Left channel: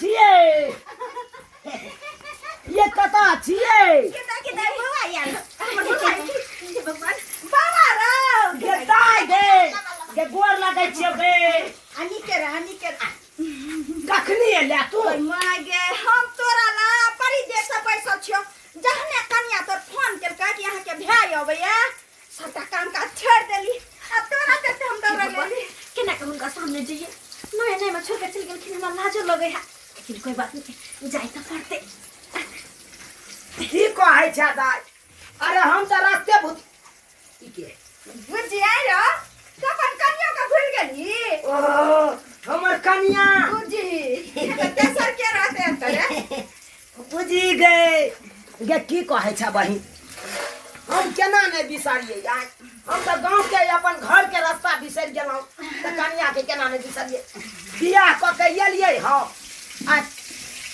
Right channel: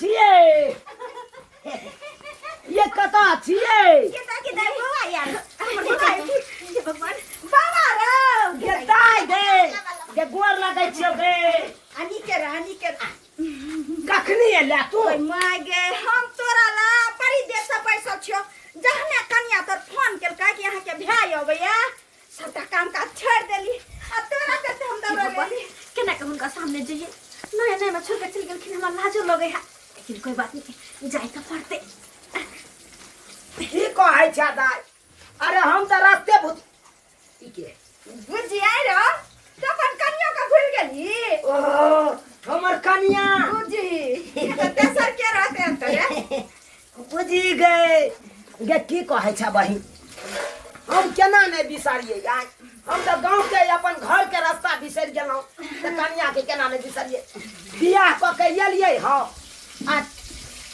छिए ये कता छिए के दाई बुआ यार हमर बुआई भगवान बाबा रो ये दाई दे ये गोर लगे छिए बे आनी के कखनी एला तू मागे हम तोरा ला परी देसा पैसा छियो जहने कन्या तो फोन केलका कि यहां के भाई अबैया सबटा काम का छोड़ देली अब तोरा के हम दौड़ा ले केना के हुनका सामने जइए नहीं मैं छोड़ के चल गेल कि हमरा लाजो लगे है लेकिन कोई बात नहीं जाई त पड़ते की कहै छ दाई अरे हम त रास्ते भूत ई के बुझिया रो तो अपन कन्या का भूल गेली ओ हमर कन्या बुझी ये तेसर के रहते हैं तोरे बुझी गए गे की कहै छ बहिन हम केना ने बिसरिए यार हम तो गांव के अपन घर के रास्ता बिसर गेलौ त कन्या के केना ने बिसरिए बियाह क के एलिए ह आ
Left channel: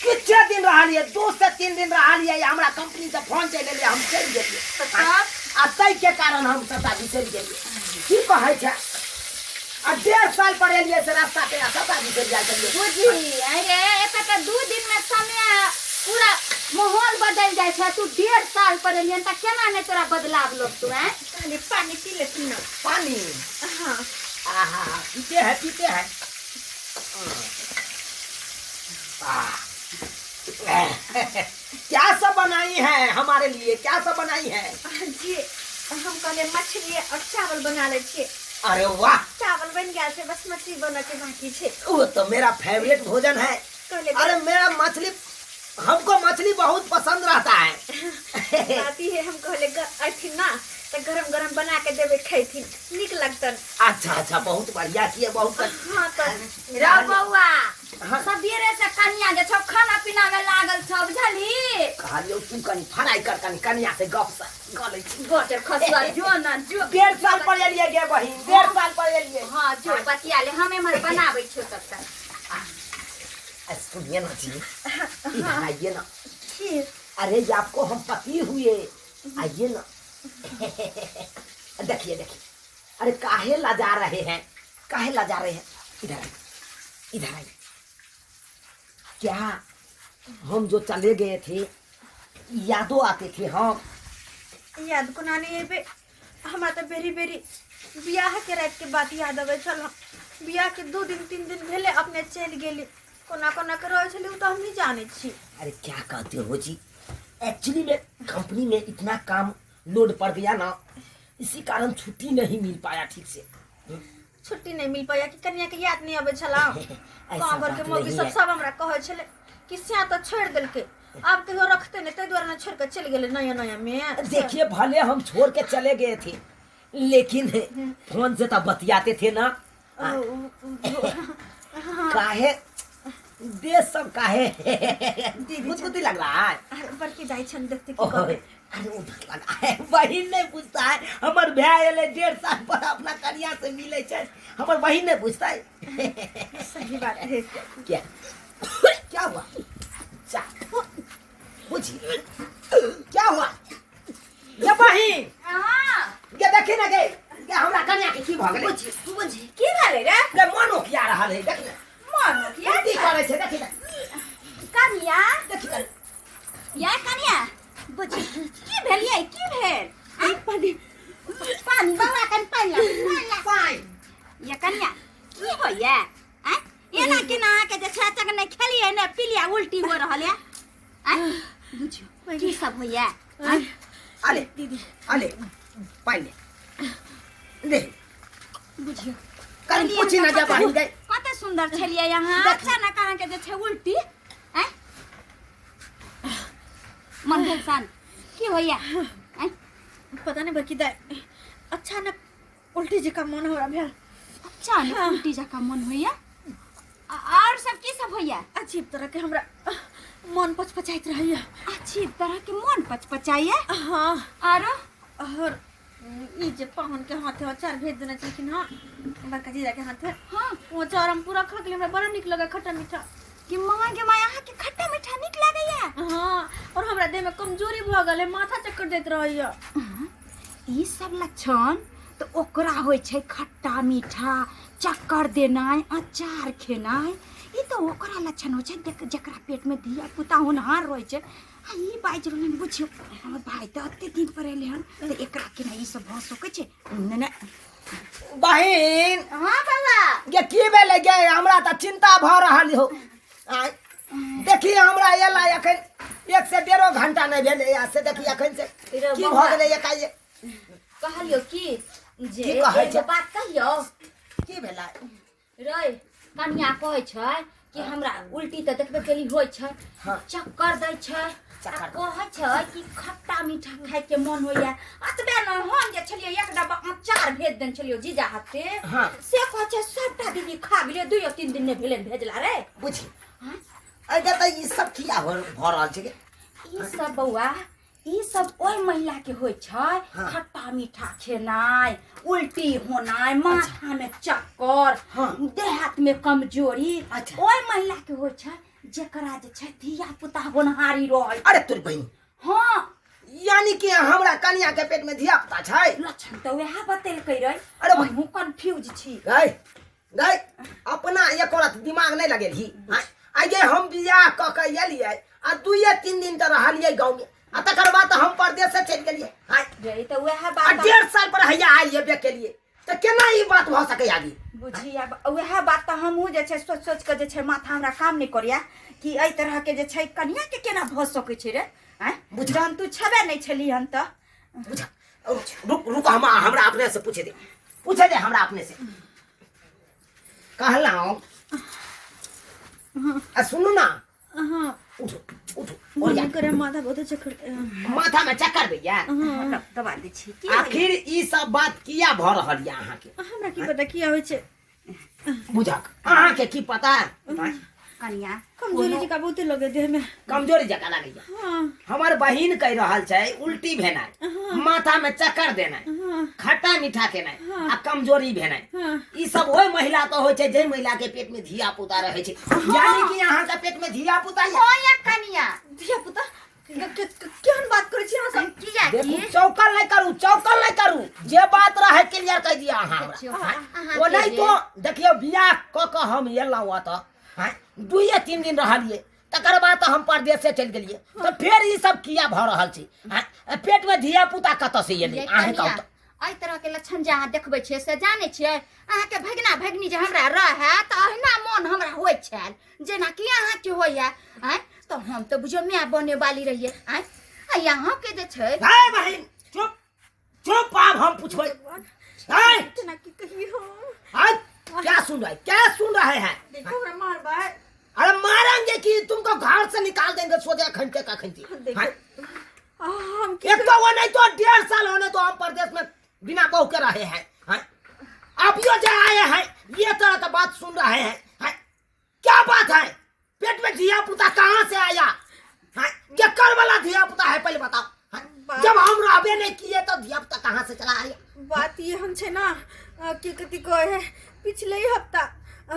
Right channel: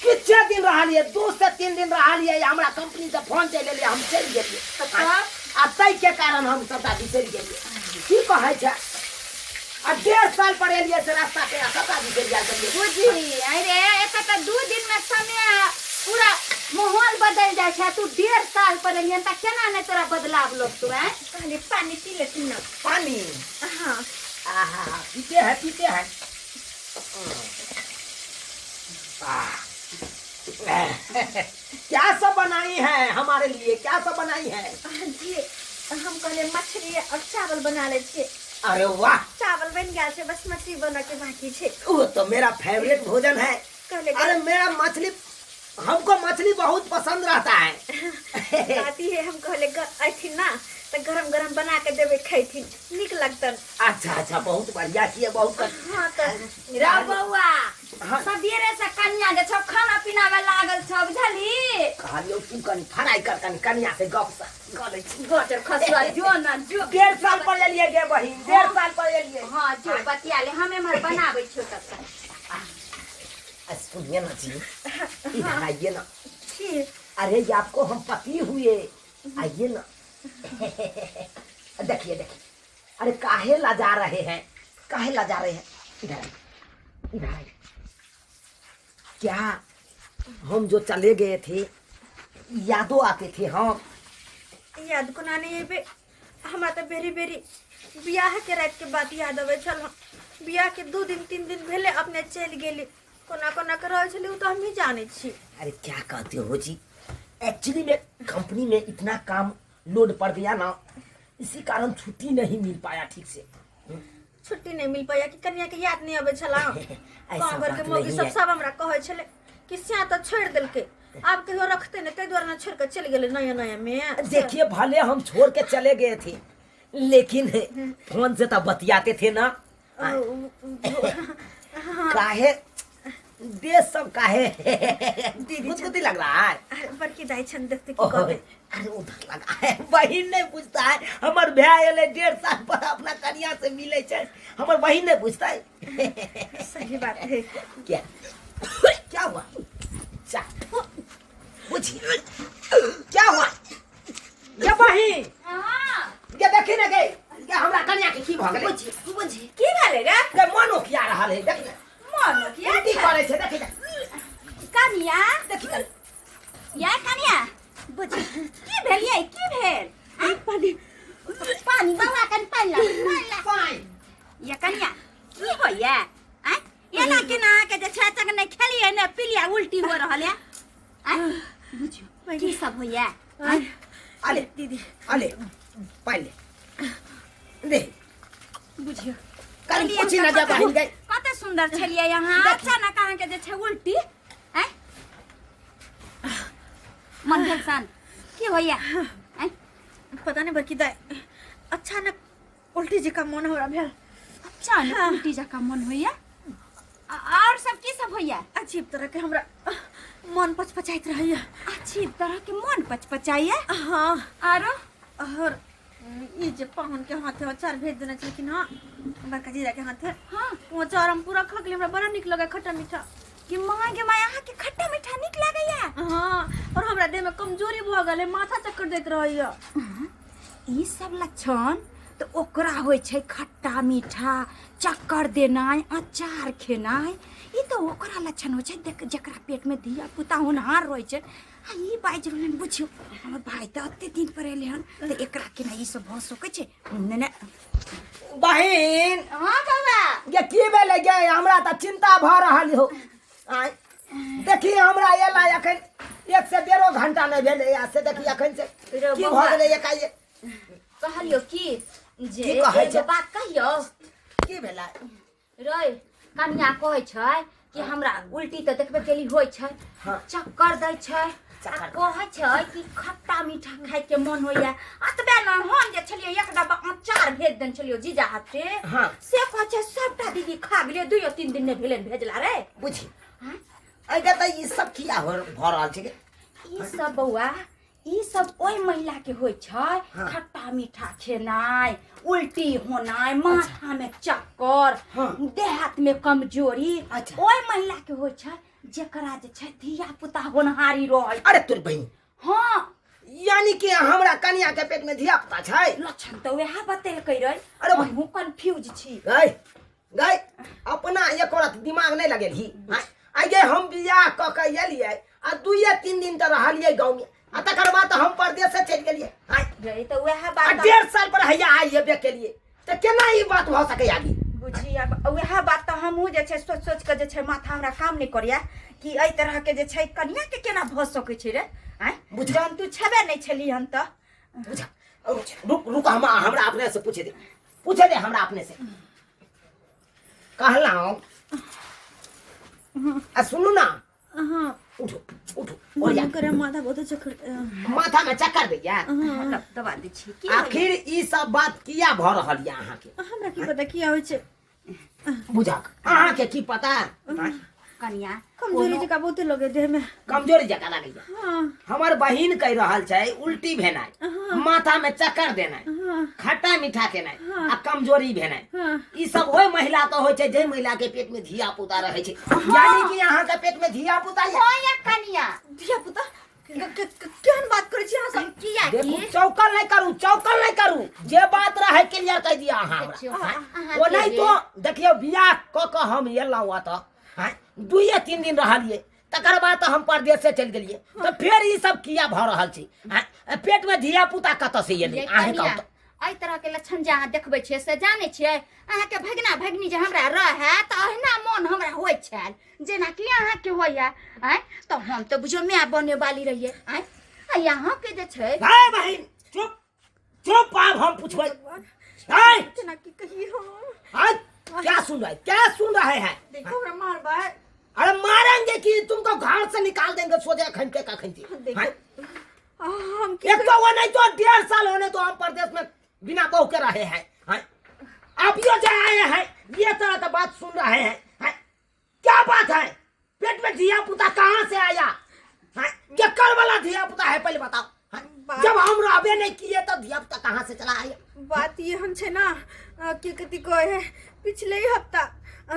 किछ दिन रहलिए 2 से 3 दिन रहलिए हमरा कंपनी से फोन चले ले हम चल गेलिए आ तै के कारण हम सता बिसर गेलिए की कहै छ आ 1.5 साल पर एलिए से रास्ता पे सता बिसर जा गेलिए बुझी अरे एक त 2 दिन में समय पूरा माहौल बदल जाय छै तू 1.5 साल पर एलियन त केना ने तोरा बदलाव लोग तू हैं खाली पानी पी ले तू ना पानी हां आहा पीते हैं क्या सब बनाई है हमारे लिए क्या सब बनाई है जी हम कहले मछली और चावल बना ले छे अरे वाह चावल बन गया छे बस मछली बना के बाकी छे वो तो मेरा फेवरेट भोजन है कहले अरे मेरा मछली हमको मछली बहुत पसंद रहता है आती है हम कहले आई ना तो गरम बना के देवे खाइथिन निक लगतन अच्छा बहुत बढ़िया किए बहुत हां तो रा बौआ सबेरे से कन्या जे छ खाना पीना में लागल छ बुझली कहलियो तू कनी फराई कर कन्या से गप से गले गोटर खसवा जो ना जो 1.5 साल पर एलिए गे बहिन 1.5 साल पर एलिए हां जो बतिया ले हमें मर बनावे छो तब तक सुनिए ना जी इधर आइए ना अरे ये आपको हम पति हुए आइए ना देखिए अरे काहे लजा रहे हैं इधर आइए क्या हम जो चले गए थे यादों आते थे हम याद को नानी बे हमरा तो बेरी बियाह के रात के बात याद आवे छल बियाह के 2 दिन 3 दिन भेले अपने चल गेली कोना के रह छली तो हम नहीं जाने छी अरे क्या कहते हो जी एक्चुअली में कंपनी में इतना काम लोड पड़ गया ना इसी कारण छुट्टी नहीं मिल पाया ठीक से छुट्टी नहीं मिल पाया कि कन्या के याद नहीं आवे छला काबर के मोगी सब हमरा कहे छले कि सिया तो छोड़ देल के अब कहियो रखते ने तै द्वारा न छोड़ के चल गेले नया में देखिए भले हम छोड़ के चले गए थे लेकिन फोन से तो बतियाते थे ना काहे देश सब काहे दीदी लग रहा है अरे बड़की दाई छन देखते की कहबे अरे उधर लगा है बहिन नहीं पूछता है हमर भाई एले 1.5 साल पर अपना कन्या से मिले छै हमर बहिन नहीं पूछता है सही बात है क्या हुआ पूछिए क्या हुआ ये बहिन हां ये देखी ना के हमरा कन्या के की भ गेलै बुझी की भेले रे के मनो किया रहल है देख मनो किया की करे छै देखी कन्या देखी या कन्या बुझी की भेलिए की भेल पानी बाबा कन पानी या कन्या की होया एना के ना के जे छाचक नहीं खेलिए ना पिलिया उल्टी हो रहल है बुझियो की सब होया अले दीदी अले पानी दे बुझियो कल पूछी ना जा बहिन गई कते सुंदर छलिए यहां अच्छा ना कहां के जे छै उल्टी हैं मन सान की होया हैं पता नहीं बकी दाई अच्छा ना उल्टी जी का मन हो रहा भेल अच्छा ना उल्टी जी का मन होया और सब की सब होया अजीब तरह के हमरा मन पचपचाइत रहैया अजीब तरह के मन पचपचाइए हां और ये जे पाहुन के हाथ है अचार भेज देना चाहिए ना बड़का जीजा के हाथ है हां वो अचार हम पूरा खा के हमरा बड़ा निक लगा खट्टा मीठा कि मां के माया के खट्टा मीठा निक लागैया हां और हमरा देह में कमजोरी भ गेलै माथा चक्कर दैत रहैया ई सब लक्षण तो ओकरा होय छै खट्टा मीठा चक्कर देनाय अचार खेनाय ई तो ओकरा लक्षण हो छै देख जकरा पेट में धिया पुता होनहार रहै छै आ ई बाजि रहलन बुझियो हमर भाई त अत्ते दिन पर एले हन त एकरा के ना ई सब भ सकै छै ने बहिन हां बाबा ये की भेलै गे हमरा त चिंता भ रहल हो आय देखी हमरा एला एखन 1 से 1.5 घंटा नहीं भेलै या से देखी एखन से की भ गेलै एकाए कहलियो की जे की कहै छै? एगो बात कहियो की भेलै रे कन्या कहै छै कि हमरा उल्टी त देखबे केली होइ छै हाँ। चक्कर दै छै चक्कर। कहै छै कि खट्टा मीठा खाय के मन होइया अतबे न हम जे छलियै एक डब्बा अचार भेज देन छलियो जीजा हाथ के हाँ। से कहै छै सबटा दीदी खा गेलियै 2-3 दिन ने भेले भेजला रे बुझी हाँ? अगे त ई सब किया भ रहल छै गे ई सब बौआ ई सब ओइ महिला के होइ छै हाँ। खट्टा मीठा खेनाय उल्टी होनाय माथा में चक्कर हाँ। देह हाथ में कमजोरी अच्छा। ओइ महिला के होइ छै जेकरा जे छै धिया पुता होनहारी रहै अरे तोर बहिन हाँ यानी कि हमरा कन्या के पेट में धिया पुता छै लक्षण तो वह बतेलकै रे अरे भाई। हमहू कंफ्यूज छी गई गई अपना एक औरत दिमाग नहीं लगेली आगे हम बियाह क के एलियै आ 2-3 दिन त रहलियै गांव में आ तकर बाद हम परदेश से चलि गेलियै रे तो वह आ बात 1.5 साल पर हैया आइए बे के लिए त केना ई बात भ सकै आगे बुझी अब वह बात तो हमहू जे छै सोच सोच के जे छै माथा हमरा काम नहीं करिया कि एहि तरह के जे छै कन्या के केना भ सकै छै रे आय बुझ। जन तू छबे नहीं छली हम त बुझा रुक रुक हमरा अपने से पूछे दे हमरा अपने से कहला आ सुनू ना हां उठो उठो और जा करे माथा बहुत चक्कर माथा में चक्कर भैया दबा दे छी की आखिर ई सब बात किया भ रहल या अहाँ के हमरा की पता किया होइ छै बुझा अहाँ के की पता कन्या कमजोरी जका बहुते लगे देह में। कमजोरी जका लागैया हाँ हमर बहिन कह रहल छै उल्टी भेनाइ माथा में चक्कर देनाइ हाँ खट्टा मीठा केनाइ आ कमजोरी भेनाइ हाँ ई सब ओइ महिला तो होइ छै जे महिला के पेट में धिया पुता रहे छै यानी कि अहाँ के पेट में धिया पुता या होया कन्या धिया पुता केहन बात करे छी अहाँ सब? किया देखू चौकल नहीं करू जे बात रहे क्लियर कह दिया अहाँ हमरा ओ नहीं तो देखियो बियाह क के हम एलहुँ अतः 2-3 दिन रहलियै तकर बाद हम परदेश से चलि गेलियै तो फिर ई सब किया भ रहल छै पेट में धिया पुता कतऽ से एलै अहाँ कहू तऽ एहि तरह के लक्षण जे अहाँ देखबै छियै से जानै छियै अहाँ के भगना भगनी जे हमरा रहे त अहिना मोन हमरा होइ छल जेना कि अहाँ के होइया आय तो हम तो बुझो मैं बने वाली रहिए आय आ यहाँ के जे छै हे बहिन चुप आब हम पूछबै हे केना की कही हो? क्या सुन रहे हैं देखो हमरा मार बा। अरे मारेंगे कि तुमको घर से निकाल देंगे सोचे खंडे का खंडे देखो हम एक तो वो नहीं तो 1.5 साल होने तो हम प्रदेश में बिना बहू के रहे हैं आप यो जो आए हैं ये तरह का बात सुन रहे हैं क्या बात है पेट में धिया पुता कहाँ से आया क्या कर वाला धिया पुता है पहले बताओ जब हम रहबे नहीं किए तो धिया पुता कहाँ से चला आया बात ये हम छे ना की कति को है पिछले ही हफ्ता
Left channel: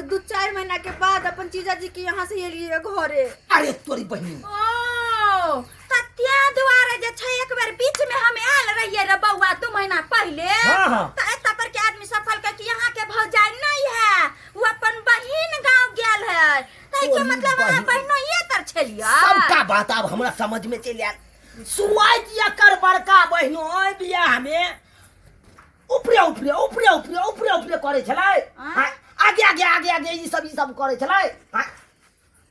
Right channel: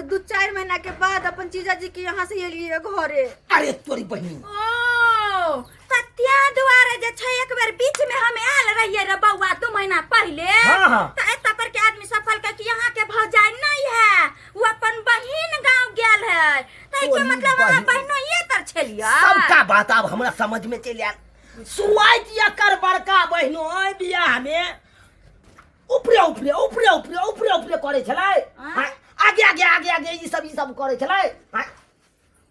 2-4 महीना के बाद अपन जीजा जी के यहाँ से एलिए घरे। अरे तोरी बहनी ओ तत्या दुआरे जे छै एक बार बीच में हम आयल रहिए रे बौआ 2 महीना पहले हाँ। त एत पर के आदमी सब कहलकै कि यहाँ के भौजाई नहीं है वो अपन बहिन गांव गेल है तै के मतलब हमरा बहिनो ये तर छलिया सबका बात अब हमरा समझ में चल आयल शुरुआत या कर बड़का बहिनो बियाह में ऊपरे करे छलै आगे ई सब करे छलै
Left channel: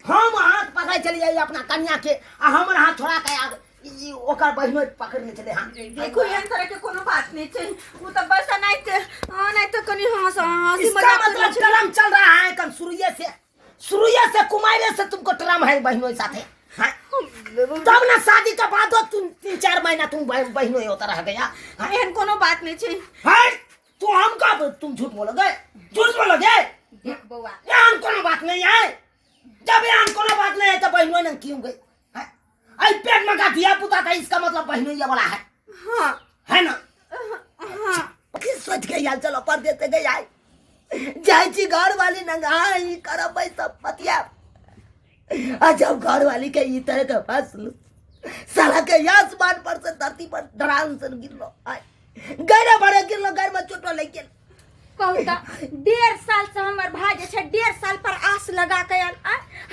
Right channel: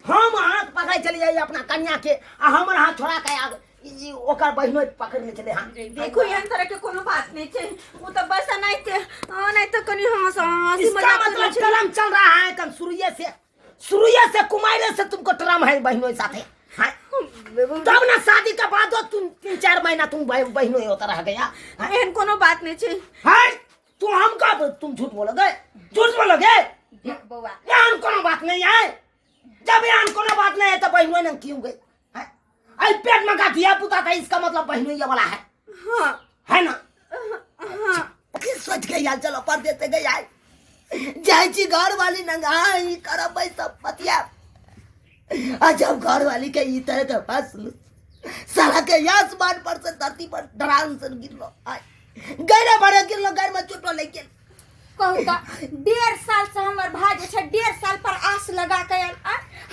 हम हाथ पकड़े छलियै अपना कन्या के आ हमर हाथ छोड़ा के ओकर बहिनो पकड़ ले छलै देखो एहन तरह के कोनो बात नहीं छे वो तो बस नहीं तो कनी हंसी मजाक कर मतलब ट्रम चल रहा है कल शुरुए से कुमारे से तुमको ट्रम है बहिनों साथे तब ना शादी के बाद तुम 3-4 महीना तुम बहिनों होता रह गया एहन कोनो बात नहीं छे। है तो हम कब तुम झूठ बोलोगे देख बौआ यहाँ कोनो बात नहीं है जब यहाँ कोनो बात नहीं है तो बहिनों ने क्यों गई आई पेट में का धिया पुता था इसका मतलब बहिनों ये वाला है हाँ है ना फिर सोच के यार चलो पर देते गए आए जायची घर वाली नंगाई करब भाई सब पतिया आ जब घर वाली के ई तरह के फंसलू साला के आसमान पर से धरती पर डरान से गिरलो आय गरे भरे गिरलो घर में चोटो ले गेल कहू तो 1.5 साल से हमर भाई जे छै 1.5 साल पर आस लगा के आयल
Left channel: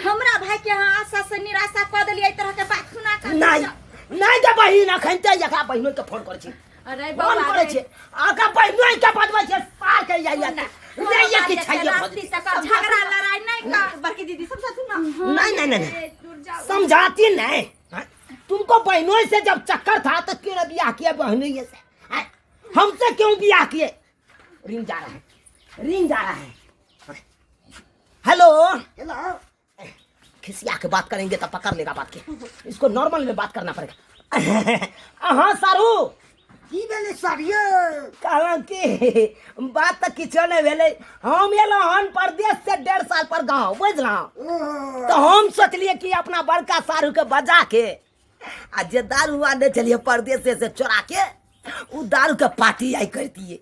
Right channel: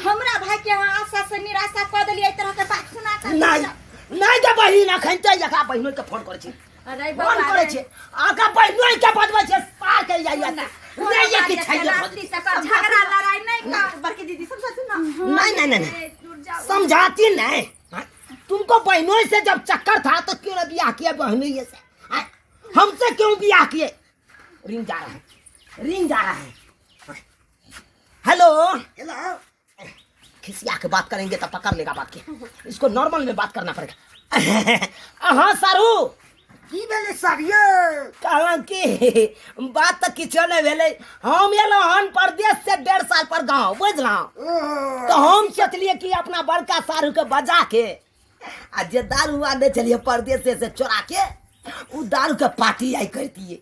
हमरा भाई के यहाँ आशा से निराशा कऽ देलियै तरह के बात सुना के नहीं तो बहिन अखन ते एकरा बहिनो के फोन करे छी अरे फोन बाबा करे छी आका बहिनो के बदबै छै पार के जाइया नहीं ये कि छैये रात्रि तक झगड़ा लड़ाई नहीं कर बड़की दीदी समझाती ना नहीं समझाती नहीं तुमको बहनों से जब चक्कर था तो क्यों ना ब्याह किया बहनों से हमसे क्यों ब्याह किए रिंग जा रहा है हेलो खिसिया के बात करेंगे तो पकड़ लेगा बात के इसको नॉर्मल में बात करना पड़ेगा हाँ सारू की भेले सारियो कहला कि बात तो किछो नहीं भेले हम एलो हन परदेश से 1.5 साल पर गांव बुझला तो हम सोचलिए कि अपना बड़का सारू के बजा के आ जे दारू आने चलिए परदेश से चोरा के उ दारू के पार्टी आई करती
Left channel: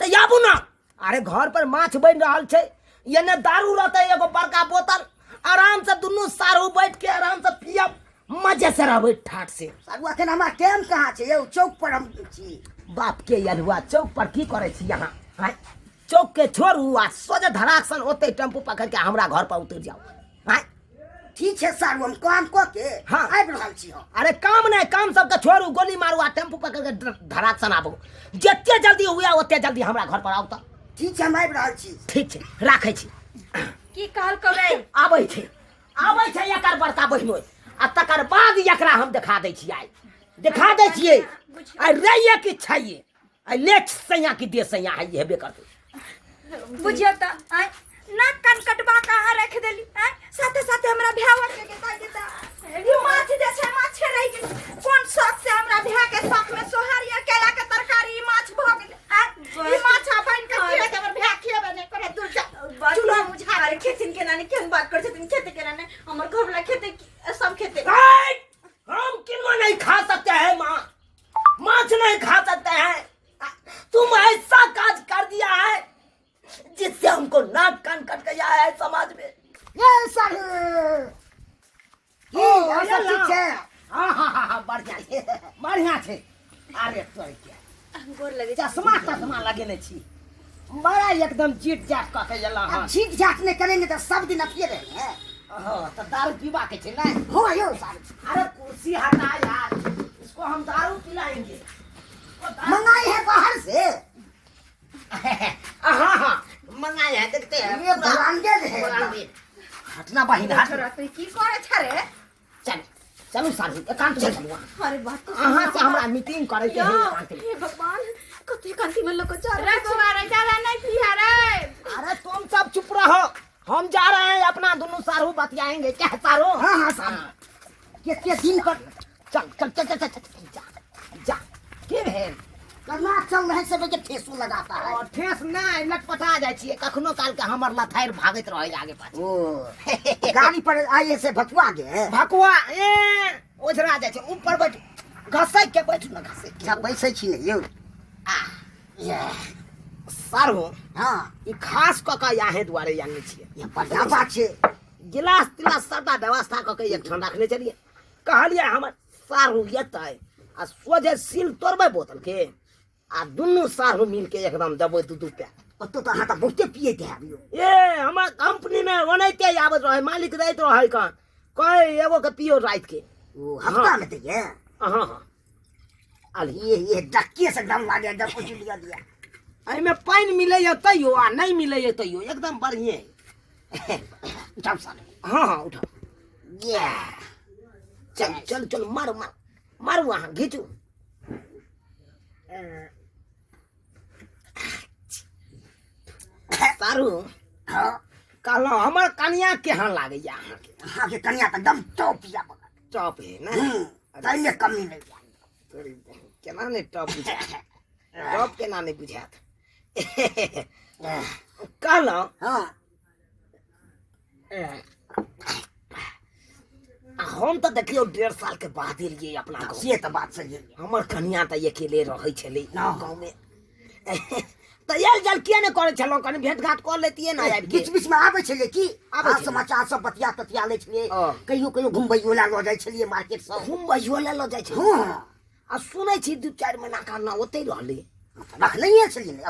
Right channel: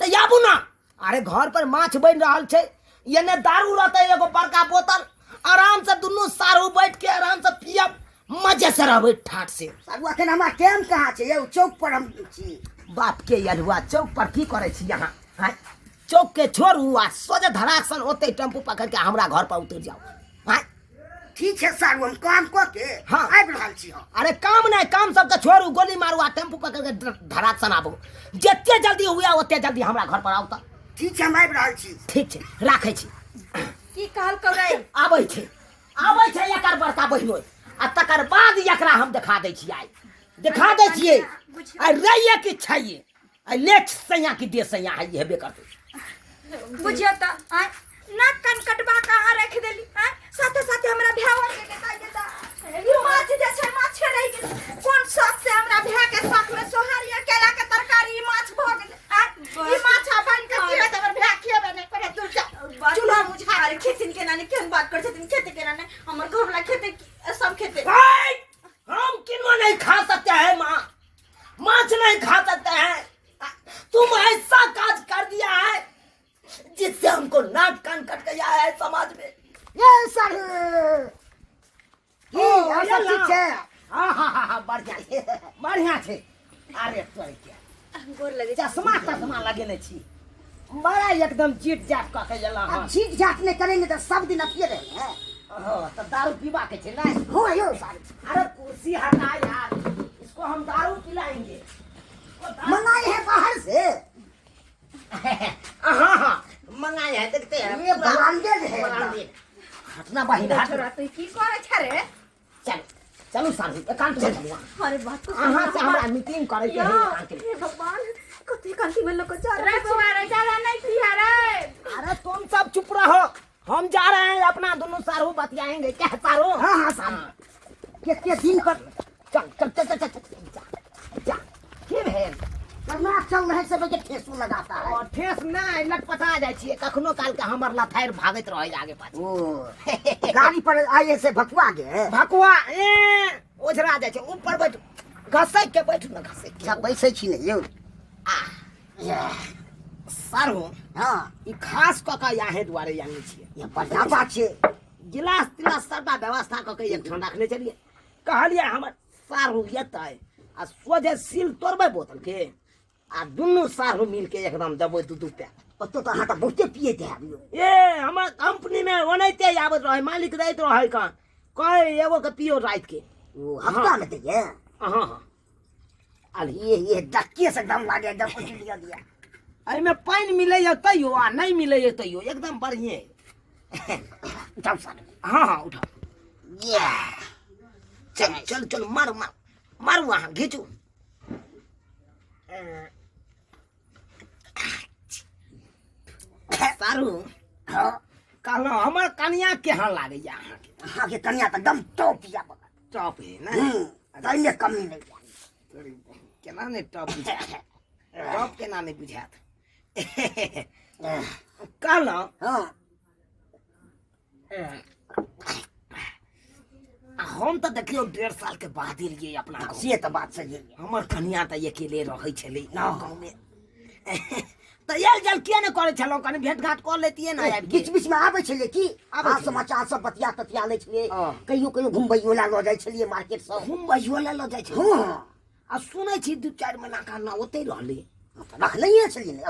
तो याबू ना अरे घर पर माछ बन रहा है ये ने दारू रहते एगो बड़का बोतल आराम से दोनों सारू बैठ के आराम से पियब मजे से रहबे ठाट से सारुआ के हमारा टाइम कहाँ छै यौ चौक पर हम छी बाप के यलुआ चौक पर की करे छी यहाँ चौक के छोड़ू आ सोझे धड़ाकसन ओते टेम्पू पकड़ के हमरा घर पर उतर जाओ ठीक है सारू हम काम कऽ के हाँ। आबि रहल छी हम अरे काम नहीं काम सबके छोड़ू गोली मारू आ टेम्पू पकड़ के धड़ाकसन आबू जते जल्दी हुआ ओते जल्दी हमरा घर पर आउ तो ठीक छै हम आबि रहल छी ठीक छै राखै छी की कहल करे आबै छै एकर बड़का बहिनो आ तकर बाद एकरा हम देखा दै छियै आई रहिए कि छैये आई नेक्स्ट सैया की दे सैया है हेबे करते बुझियो तो नाक कान कटबा कहाँ रख देली साथे साथे हमरा भ्यावा के देता देता ई माछ जे छै माछ रहि गेल कोन शौक से हमरा भ्या के शौक में सोहारिया केला के तरकारी ई माछ भ गेल ई माछ बन के खिया अगर भ्या खियाबे नहीं करे दूर जा चूल्हा बुझा रे खेतिन के नानी केन बात कर छथिन खेते के नानी हमर घर वाला खेते सब खेते हम किनो नहीं खा सकते हैं माछ नहीं खा सकते हैं तुम ऐसा काज कर दिया है जिससे हमको नाक कान कट गया है समाज में ये सारू ठीक छै हाँ बढ़िया छे अरे तो क्या गोर लगे चश्मा लगेने छी बड़ा एकदम चीट जाट कह के एला अब झीक झाक नहीं करेंगे तो सब दिन अपिए रहेंगे तो दारू पीवा के छे नहीं हो यौ सारू अरे कुर्सी हटा यार इसको हम दारू पिलाएंगे मंगाए है बाहर से हाँ मंगाए हैं देखते हैं ये ब्रांडेड है हटना बहिन हट की करे छ रे चलो सारू एकांत में चलू अरे बात तो अहाँ से हमरा मीटिंग करे के है एकांत में हे भगवान कथी कांकी में लोग जा रे तुम्हारे ज्यादा नहीं पिया रे अरे तुम सब चुप रहो हम जा रहे हैं अपना दोनों सारू बतियाएंगे क्या सारू हाँ सारू कितने दिन पर चल जा के है करना चल रहे सब के ठेसू लगाता है और ठेस नहीं लटपटा जाय छिए कखनो काल के हमर लथार भागत रहे आगे पाछे ओ गाड़ी पर आए से भकुआ गए भकुआ ओझरा जाय छै ऊपर बैठ घसै के बैठू ना घसै सब बैसे छी ने यौ सारू हाँ ई खास क के याहे दुआरे आने छिए ये बढ़िया बात छै गिलास तिलास सबटा व्यवस्था क के एक ठन रखने चलिए कहलिए हमर सारू येतै आ सोझे सील तोड़बै बोतल के आ दुनू सारू मिल के एकदम देबै दू पे तो अहाँ तऽ बहुते पिए थे ए हमर कंपनी में ओनैते आबत रहे मालिक दैत रहे कान कहे एगो के पियो रात के ओ हफ्ता में दैए हाँ ये डक्के से दम लागे जब कुछ लिया दिया एहिमे पानि मिलैए तैयो आ नहीं मिलैए तैयो एकदम बढ़िए उठाओ साले हाँ उठाओ ये चल मारू अहाँ घीचू सारू हाँ कहलहुँ हमर कनिया केहन लागैया अहाँके अहाँके कनिया तऽ दम टॉप या बगल टॉप है ना ताहिमे कमी नहीं जाए केना नहीं टॉप बुझायत टॉप केना नहीं बुझायत कहलहुँ हाँ हम तो देखियो 1.5 साल के बाद एलिए अपना गाँव से तो बात सही है हमर कनिया तऽ अकेले रहै छलै गाँव में तो यार जल किया ने करे छलौ कनी भेंट घाट कर लेतिए ना यार बीच बीच में आबै छलिए की आबै छलियै। समाचार सब बतिया ततिया लै छलिए हाँ। कहियो कहियो घुमबैयो ला लऽ जाइ छलिए मार्केट सब घुमबैयो ले ल जाइ छै हाँ आ सुनै छी 2-4 महीना का ना ओते रहले रख नहीं छलिए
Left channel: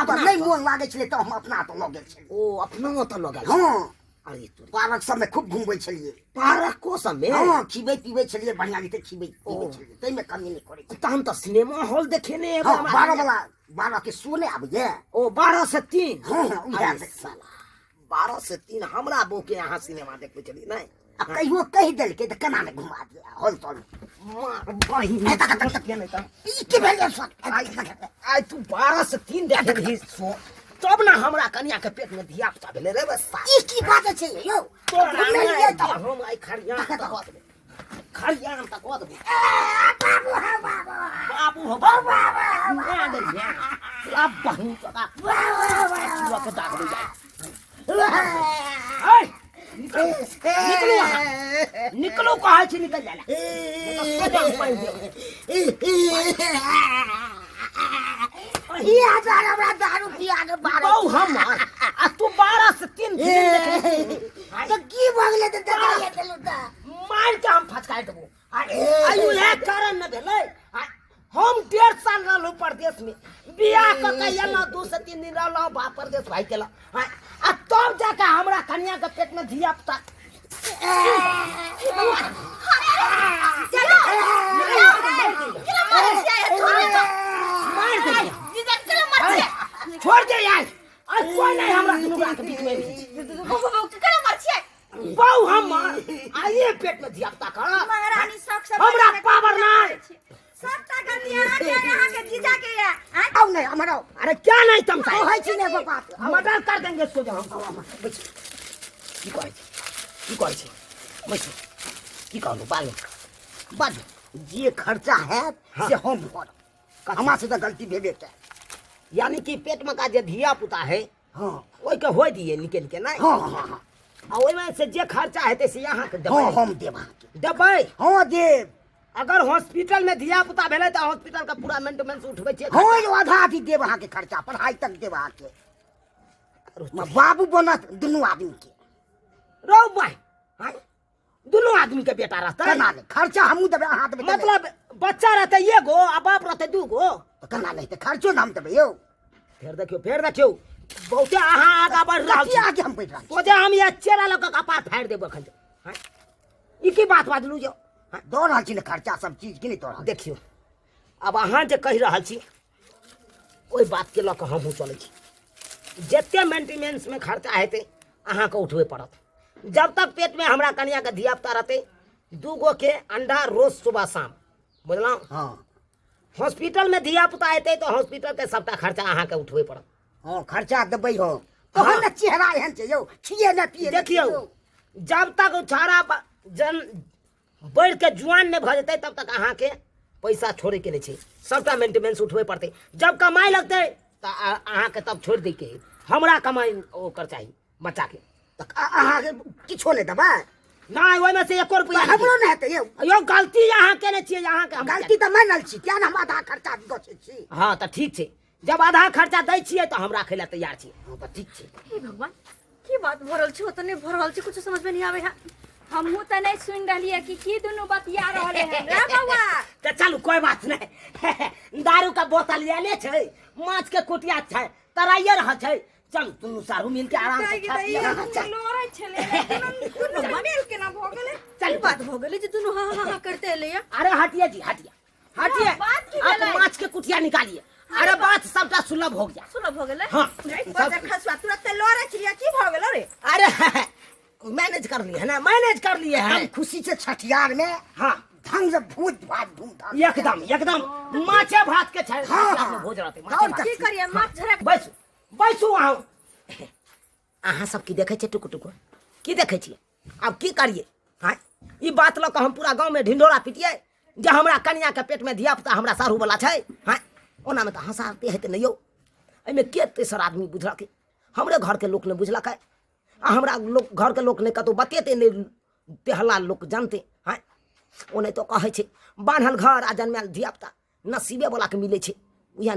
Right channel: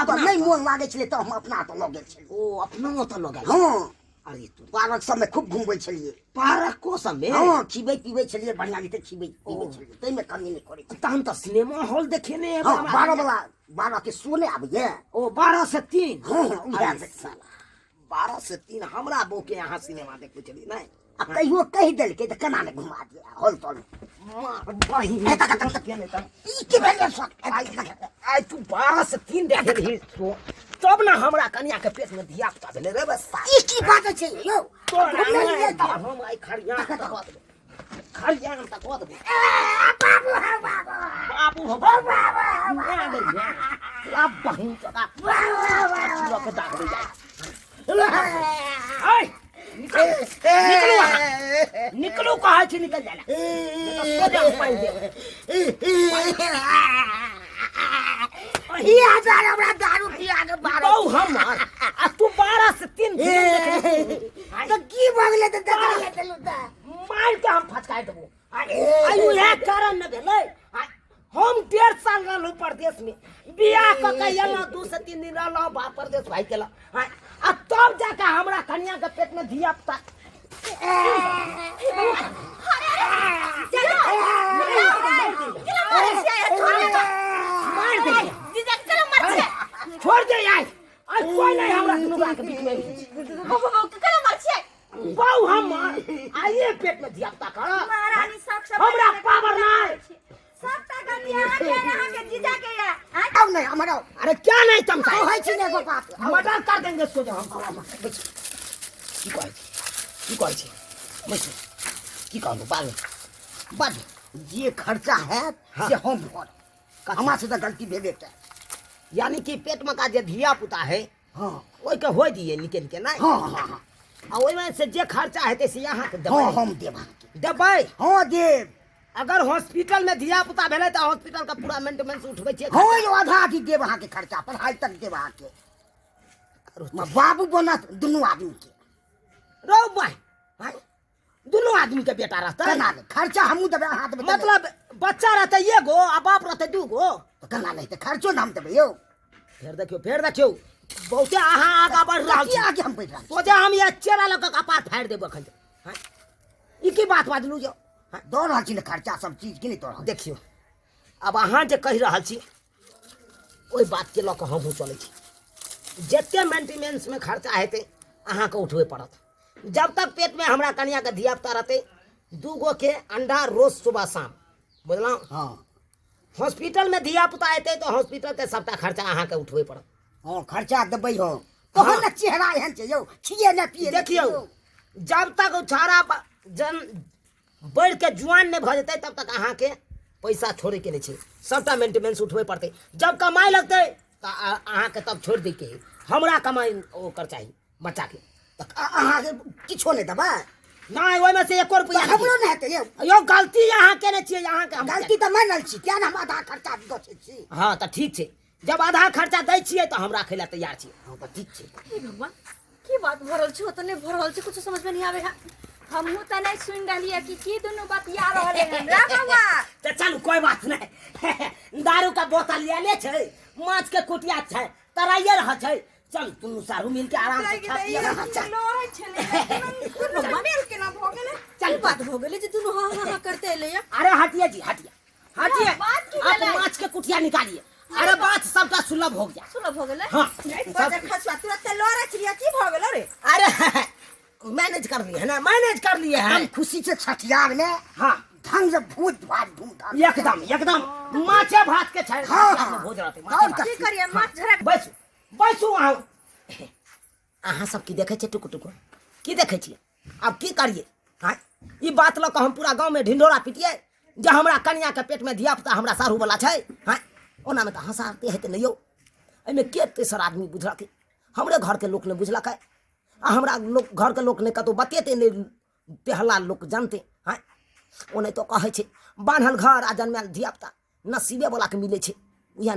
अब नहीं मोन लागे छले तो हम अपना तो लगे छलिए ओ अपनो तो लगे हाँ अरे तू पार्क सब में खूब घूमबै छलिए पार्क को समय हाँ खिबै पिबै छलिए बढ़िया रीते खिबै पिबै छलिए तै में कमी नहीं करे तहन तो सिनेमा हॉल देखे ने हाँ 12 वाला 12 के शो नहीं आबे ओ 12 से 3 हाँ हाँ अरे साला 12 से 3 हमरा बो के यहाँ सिनेमा देखबे चली नहीं अब कहियो कह देल के त केना ने घुमा दिया हॉल तल मार बहिन तक नहीं तक ई के भेले सब आई तू 12 से 3 देखे रही सो तब ना हमरा कन्या के पेट में धिया पुता भेले रे बस ई की बात छै यो तो हम आई खरिया खरियान तक होत बाबू हा बाबू बाबू हो बाबू आ गई है अब बहिन का लोग के दाग दे जाए निकलो निकलो कहा छी निकल जाला तो सो जाओ पाई दे ई हजार हमरा दारू पिया के 12 बहु हमर आ तू 12 से 3 तो की भगले त देखा ले देलु त मार के हम फटकाय देबो आयु है कारण न भेलै हम 1.5 साल रहलू परदेश में बियाह क के एला 2 से 3 दिन रहलू बा परदेश भाई केला आ तब जाके हमरा कन्या के पेट में धिया पुता छोड़ दे यार आज कोई नहीं हमरा दुनू के बीच में बहु हम आइए पेट में धिया पुता कर महारानी शौक से हमरा पावर नहीं सब ताकत यहाँ के जीजा के है अब नहीं हमरा अरे क्या नहीं तुम ओ है छी ने बाप मर्डर कर देंगे सो जाओ हम की कहै छी बैसो की कहलू बाजू जे खर्चा है से हम कर हमरा से तो गलती भेबे के यानी कि पेट में का जे धिया पुता है हां ओइ के होय दिए निके निके नहीं हां हां आ ओइ में से जे खर्चा हेते से यहाँ के हां देबै हम देबा के देबै हां देब अगर हॉस्पिटल में धिया पुता भेले तो हॉस्पिटल का पूरा मेंटेनेंस उठबै छै हां जो आधा आधी देब अहाँ के खर्चा पढ़ाई तक देब अहाँ के बाबू बनत दुनू आदमी के रौ भाई दोनों आदमी के बेटा रहता केना नहीं खर्चा हमू देबे अहाँ देबे मतलब बच्चा रहते एगो आ बाप रहते दूगो तो केना नहीं त खर्चो नाम देबे यो फिर देखियो बहुते अहाँ आगा बढ़ रहल की छी आगे हम बैठ रहल तो जे हम ये चेला लग के कपार फाड़ देब अखन ई की बात बाजलू जो दौड़ रहल छी ने खर्चा सब चीज के नहीं दौड़ देखियो अब अहाँ जे कहि रहल छी ओहि बात के लऽ कऽ हमहूँ चलै छी जते मेंटेनेंस में खर्चा हेतै अहाँ के उठबे पड़त जब तक पेट में हमरा कन्या के धिया पुता रहते दूगो के अंडा रोज सुबह शाम बुझलहुँ हां हॉस्पिटल में धिया पुता हेतै तो हॉस्पिटल के सबटा खर्चा अहाँ के उठबे पड़त हां खर्चा देबै हो तोहर न चेहरा एहन छै यौ छिए न पिए देखियो जब तक उछारा जन बढ़ के जुआन नहीं भ जेतै तब तक अहाँ के पैसा छोड़े के नहीं छै सबटा मेंटेनेंस उठबे पड़तै जब कमाई लगतै तो अहाँ के तब छोड़ दै के हमरा कमाई ओकर चाही बच्चा के अहाँ के किछो नहीं देबै नहीं ओहि में से 1 रुपया हमरो नहीं हेतै यौ यो गलती अहाँ केने छियै अहाँ के गलती तो मानल छी क्या हम आधा खर्चा दे छी हाँ तो ठीक छै जब आधा खर्चा दै छियै तो हम राखे ला तैयार छी हां तो ठीक छै हे भगवान की बात भरल छै ओतने भरल छै कुछ समझ में नहीं आवे है हमहू त नहीं सुन रहलिए कि की दुनू बतिया रहले हैं रे बउआ तो चलू कोई बात नहीं दारू का बोतल लेने छै माछ के कुटिया छै तराइए रह छै चल तुम सारू मिल के आराम से खा पिया लोरे छले दुनू मेल के ना भ गेले चल बात हो गेले जे दुनू हां हां करते एले या अरे हटिए जी हटिए बात की आप भेलै? माछ के कुटिया निकालिए अरे बात सबका सुलभ हो गया सुलभ हो गेले हाँ बात खसवा तुरंत लोरे छिया की भ गेले रे अरे मैनेज कर लिए है ना मैनेज कर लिए हम हैं खुशी से छठियार में हाँ ढंग से भूत भात धूमधाम एकदम माछे भात के छै हाँ। भोज रहते और की करिए माछ झरक बैसू अहाँ अहाँ सब की देखे छियै टुकु टुकु की देखे छियै अब की करिए हाँ ई बात लऽ कऽ हम पूरा गाँव में ढिंढोरा पिटिए जे हमरा कन्या के पेट में धिया पुता हमरा सारू वाला छै हाँ ओना में तो हंसाते हेतै नहीं यौ एहिमे के तेसर आदमी बुझलकै हमरे घर के लोक ने बुझलकै आ हमरा लोक घर के लोक ने कतौ बतेते नहीं तेहला लोक जानते हाँ ओ नहीं तो कहै छै बान्हल घर आ जन्मल धिया पुता नसीबे वाला के मिले छै उएह